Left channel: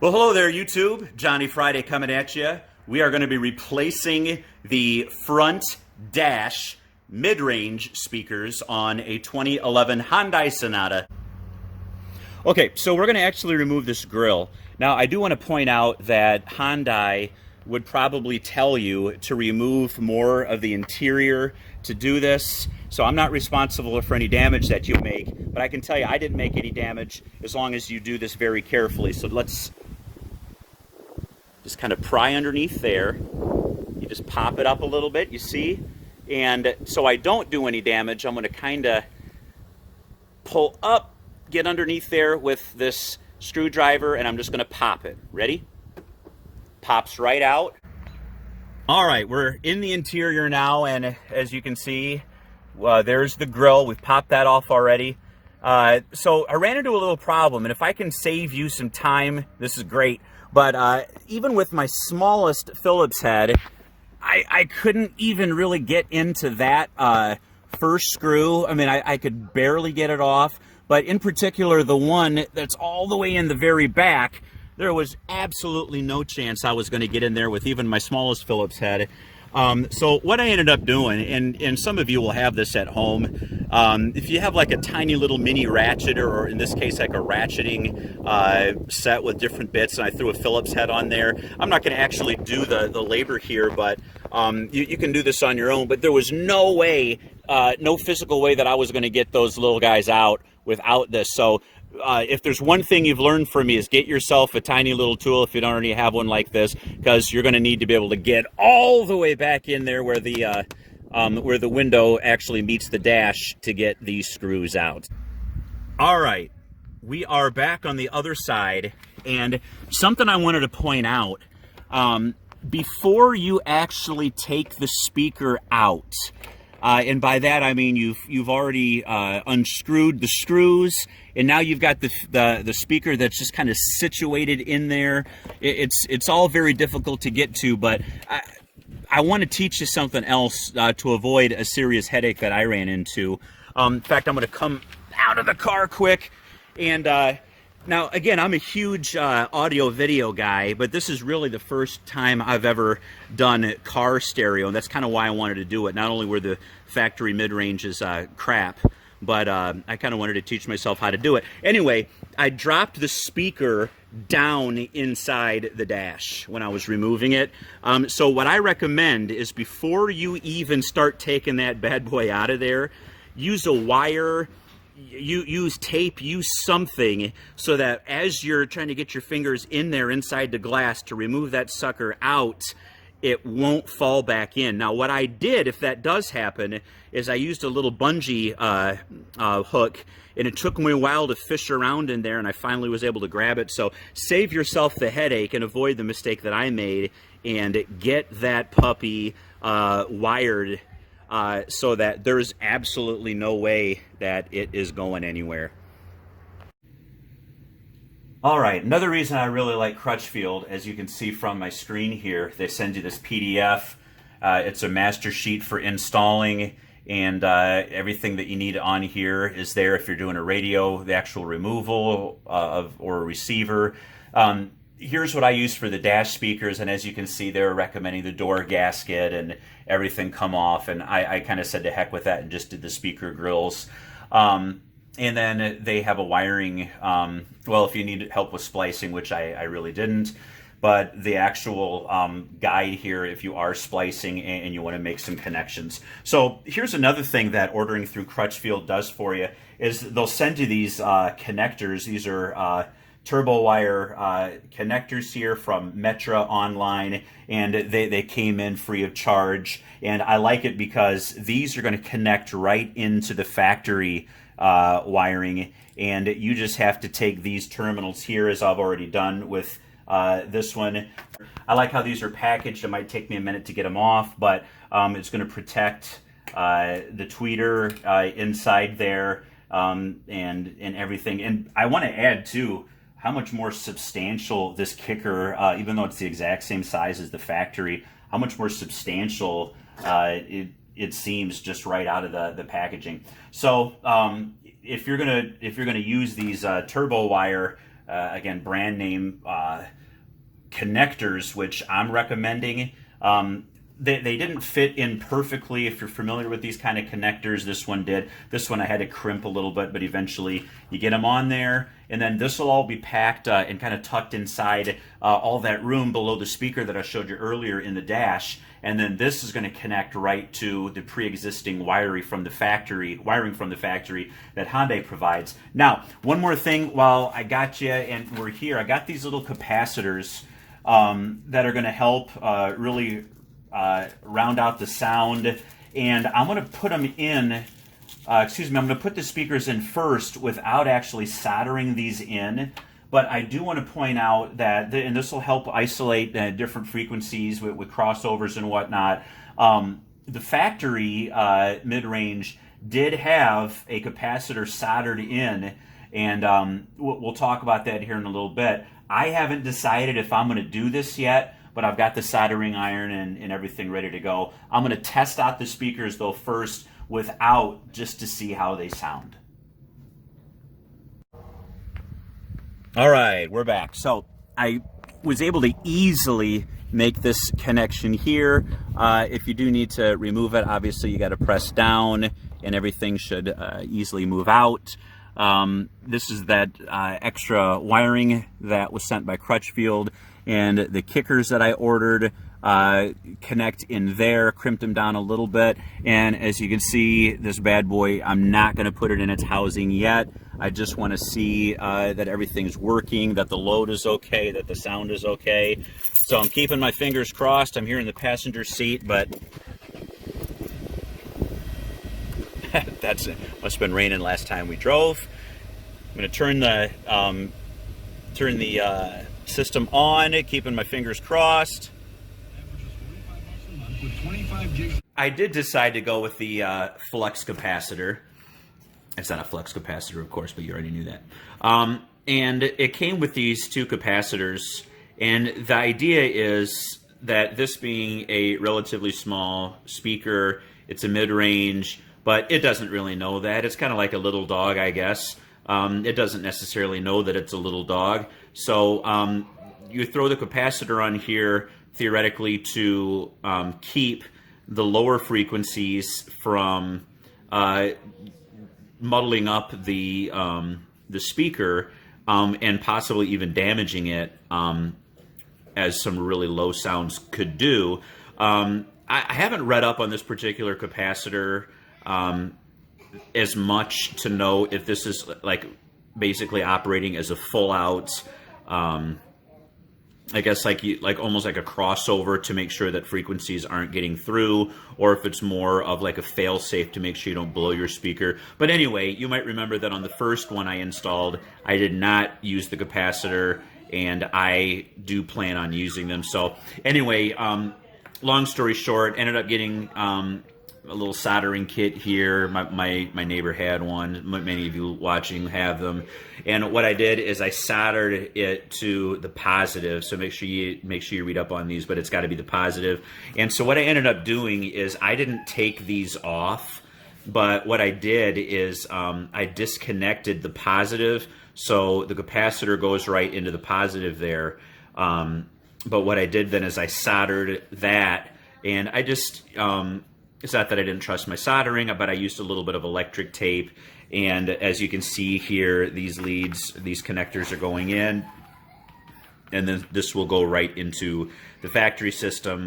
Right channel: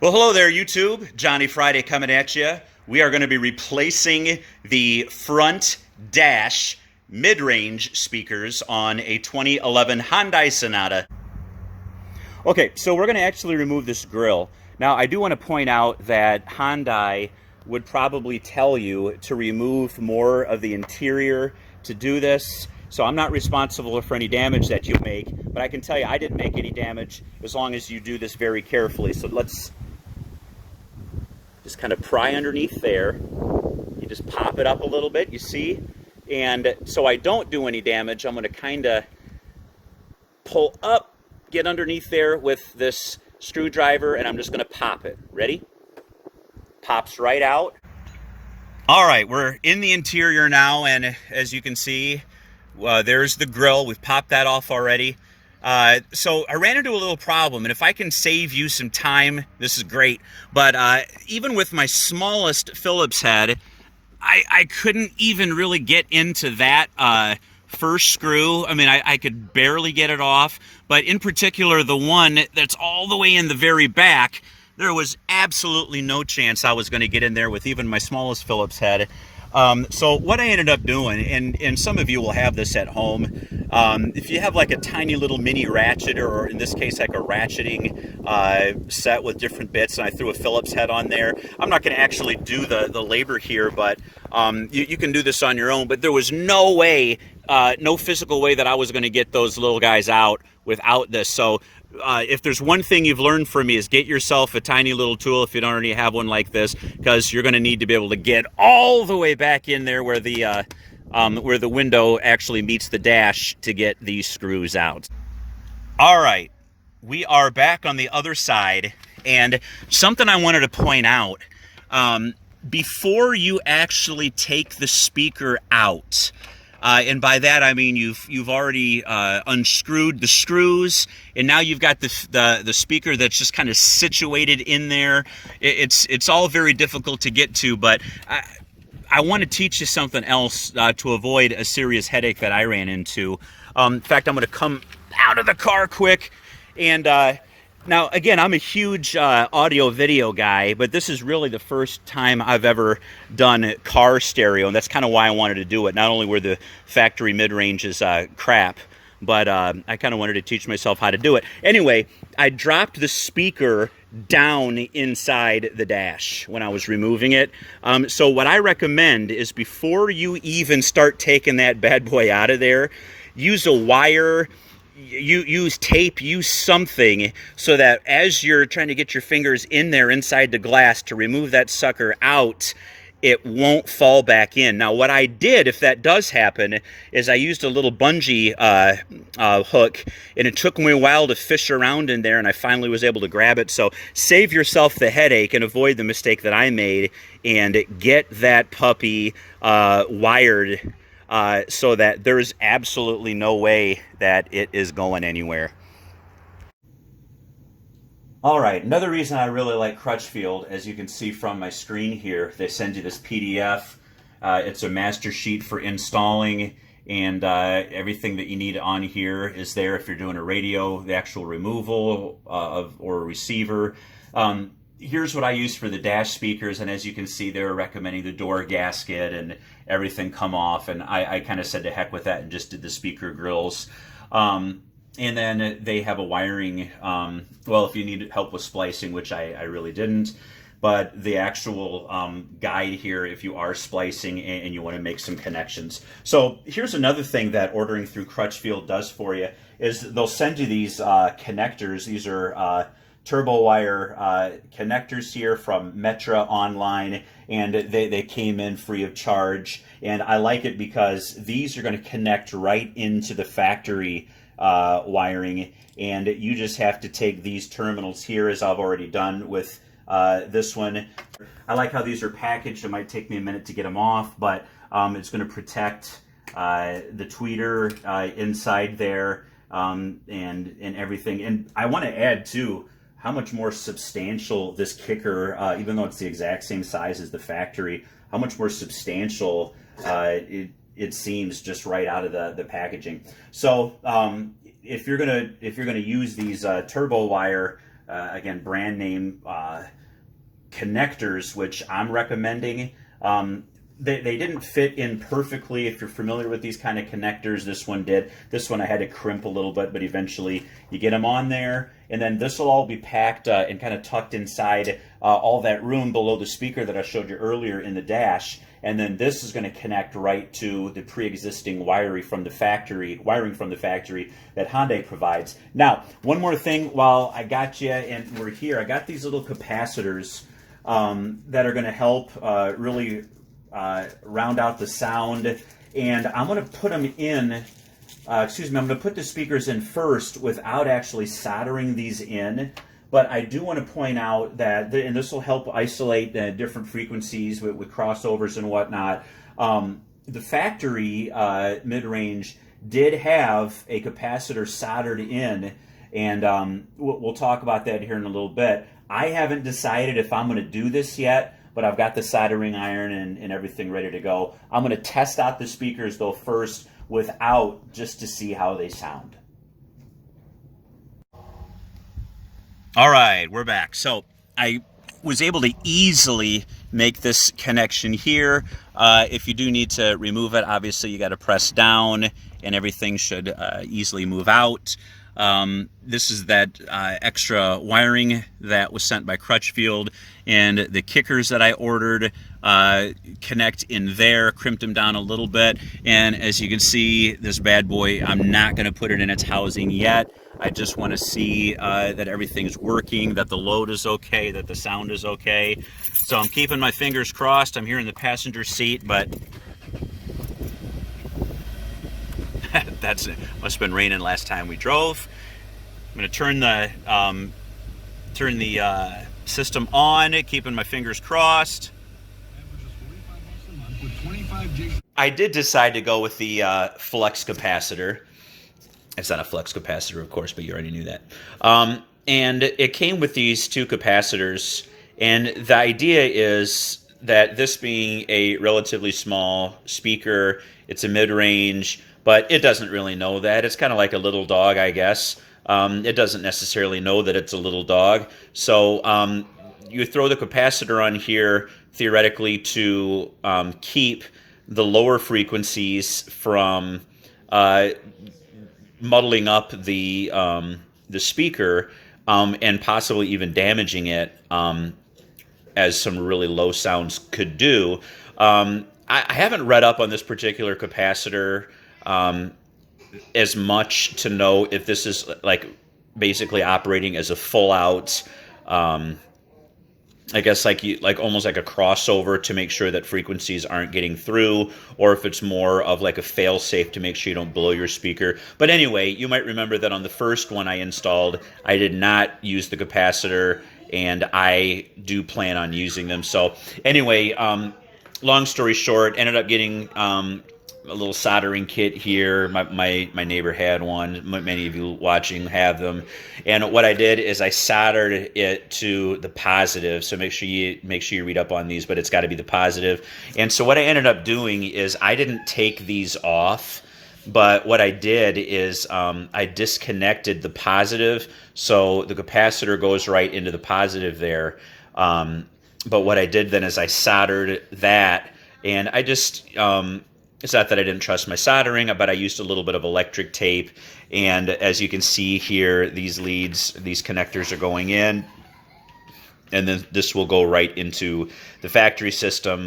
Well, hello there, YouTube. Johnny Friday coming at you. We are going to be replacing the front dash mid-range speakers on a 2011 Hyundai Sonata. Okay, so we're going to actually remove this grill. Now, I do want to point out that Hyundai would probably tell you to remove more of the interior to do this. So I'm not responsible for any damage that you make, but I can tell you I didn't make any damage as long as you do this very carefully. So let's just kind of pry underneath there. You just pop it up a little bit, you see? And so I don't do any damage, I'm going to kind of pull up, get underneath there with this screwdriver, and I'm just going to pop it. Ready? Pops right out. All right, we're in the interior now, and as you can see, there's the grill. We've popped that off already. So I ran into a little problem, and if I can save you some time, this is great. But even with my smallest Phillips head, I couldn't even really get into that first screw. I mean, I could barely get it off. But in particular, the one that's all the way in the very back, there was absolutely no chance I was going to get in there with even my smallest Phillips head. So what I ended up doing, and some of you will have this at home, if you have like a tiny little mini ratchet, or in this case like a ratcheting set with different bits, and I threw a Phillips head on there. I'm not going to actually do the labor here, but you can do this on your own. But there was no way, no physical way that I was going to get those little guys out without this. So if there's one thing you've learned from me, is get yourself a tiny little tool if you don't already have one like this, because you're going to need to be able to get all the way back in there where the window actually meets the dash to get these screws out. All right, we are back on the other side, and something I wanted to point out, before you actually take the speaker out, and by that I mean you've already unscrewed the screws, and now you've got the speaker that's just kind of situated in there. It's all very difficult to get to, but I want to teach you something else to avoid a serious headache that I ran into. In fact, I'm going to come out of the car quick, and now, again, I'm a huge audio-video guy, but this is really the first time I've ever done car stereo, and that's kind of why I wanted to do it. Not only were the factory mid-ranges crap, but I kind of wanted to teach myself how to do it. Anyway, I dropped the speaker down inside the dash when I was removing it. So what I recommend is, before you even start taking that bad boy out of there, use a wire. You use tape, use something, so that as you're trying to get your fingers in there inside the glass to remove that sucker out, it won't fall back in. Now, what I did, if that does happen, is I used a little bungee hook, and it took me a while to fish around in there, and I finally was able to grab it. So save yourself the headache and avoid the mistake that I made, and get that puppy wired so that there's absolutely no way that it is going anywhere. All right, another reason I really like Crutchfield, as you can see from my screen here, they send you this PDF. It's a master sheet for installing, and everything that you need on here is there if you're doing a radio, the actual removal or a receiver. Here's what I use for the dash speakers, and as you can see, they're recommending the door gasket and everything come off, and I kind of said to heck with that and just did the speaker grills. And then they have a wiring, well, if you need help with splicing, which I really didn't, but the actual guide here if you are splicing and you want to make some connections. So here's another thing that ordering through Crutchfield does for you, is they'll send you these connectors. These are turbo wire connectors here from Metra online, and they came in free of charge. And I like it because these are going to connect right into the factory wiring, and you just have to take these terminals here, as I've already done with this one. I like how these are packaged. It might take me a minute to get them off, but it's going to protect the tweeter inside there, and everything. And I want to add too how much more substantial this kicker, even though it's the exact same size as the factory, how much more substantial it seems just right out of the packaging. So if you're gonna use these turbo wire again, brand name connectors, which I'm recommending. They didn't fit in perfectly. If you're familiar with these kind of connectors, this one did. This one I had to crimp a little bit, but eventually you get them on there, and then this will all be packed and kind of tucked inside all that room below the speaker that I showed you earlier in the dash. And then this is going to connect right to the pre-existing wiring from the factory that Hyundai provides. Now, one more thing while I got you and we're here, I got these little capacitors that are going to help really round out the sound, and I'm going to put them in, I'm going to put the speakers in first without actually soldering these in. But I do want to point out that, and this will help isolate different frequencies with crossovers and whatnot. The factory mid-range did have a capacitor soldered in, and we'll talk about that here in a little bit. I haven't decided if I'm going to do this yet, but I've got the soldering iron and everything ready to go. I'm going to test out the speakers, though, first without, just to see how they sound. All right, we're back. So I was able to easily make this connection here. If you do need to remove it, obviously you got to press down and everything should easily move out. This is that extra wiring that was sent by Crutchfield, and the kickers that I ordered connect in there, crimped them down a little bit, and as you can see, this bad boy, I'm not going to put it in its housing yet. I just want to see that everything's working, that the load is okay, that the sound is okay. So I'm keeping my fingers crossed. I'm here in the passenger seat, but must have been raining last time we drove. I'm going to turn the system on, keeping my fingers crossed. I did decide to go with the flex capacitor. It's not a flex capacitor, of course, but you already knew that. And it came with these two capacitors, and the idea is that this being a relatively small speaker, it's a mid-range, but it doesn't really know that. It's kind of like a little dog, I guess. It doesn't necessarily know that it's a little dog. So you throw the capacitor on here, theoretically, to keep the lower frequencies from muddling up the speaker and possibly even damaging it, as some really low sounds could do. I haven't read up on this particular capacitor as much to know if this is like basically operating as a full out, I guess like almost like a crossover to make sure that frequencies aren't getting through, or if it's more of like a fail-safe to make sure you don't blow your speaker. But anyway, you might remember that on the first one I installed, I did not use the capacitor, and I do plan on using them. So anyway, long story short, ended up getting a little soldering kit here. My neighbor had one. Many of you watching have them. And what I did is I soldered it to the positive. So make sure you read up on these, but it's got to be the positive. And so what I ended up doing is I didn't take these off, but what I did is I disconnected the positive, so the capacitor goes right into the positive there. But what I did then is I soldered that, and I just it's not that I didn't trust my soldering, but I used a little bit of electric tape. And as you can see here, these leads, these connectors are going in. And then this will go right into the factory system.